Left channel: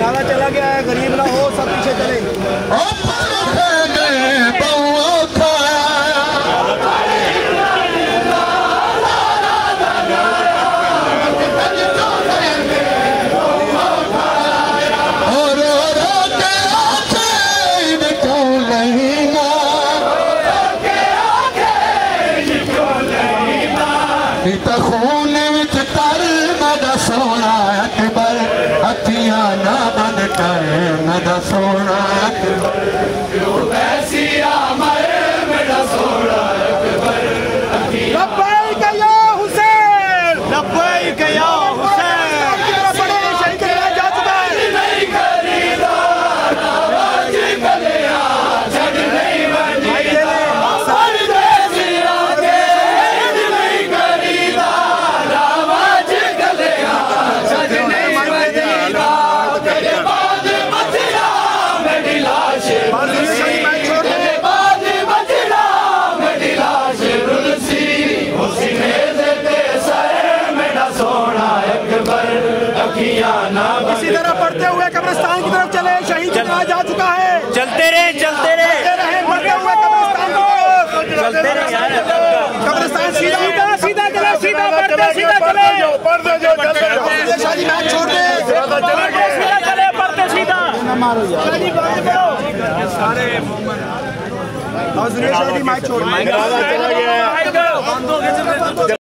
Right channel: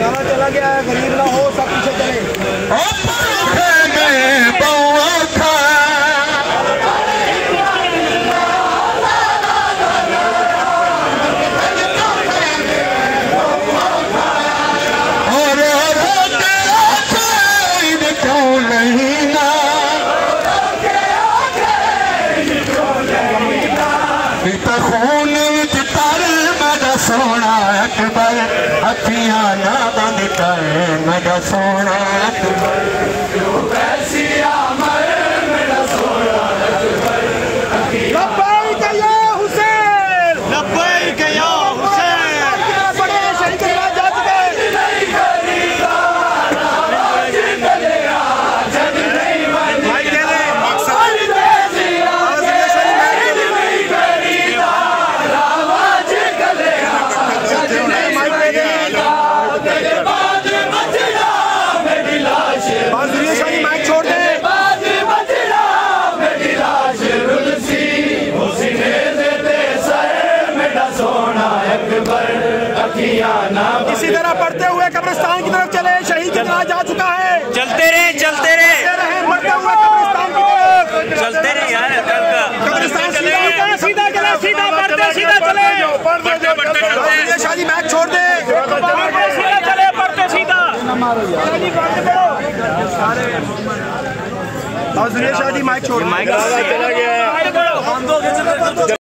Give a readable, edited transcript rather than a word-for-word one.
नारा चला गया है, गरीब ना हो सब पीछे चले। सोना अकबर अखियां ना बंद कर मेरा सोना अकबर कैसी अमर मेरा सोना अकबर लब्बैक या हुसैन, लब्बैक या हुसैन। बड़े शरीफ जा चुका है। इसी तरह पढ़ते हुए कब्रिस्तान की तरफ चले। शहीद जनाजा जा चुका है। चलते रहे चलते रहे चलते रहे यार। कब्रिस्तान सीधा सीधा चले, सीधा पढ़ते सीधा चले। शादी मैच छोड़ दे, पढ़ते सीधा चले, पढ़ते सीधा शादी मैच छोड़ दे।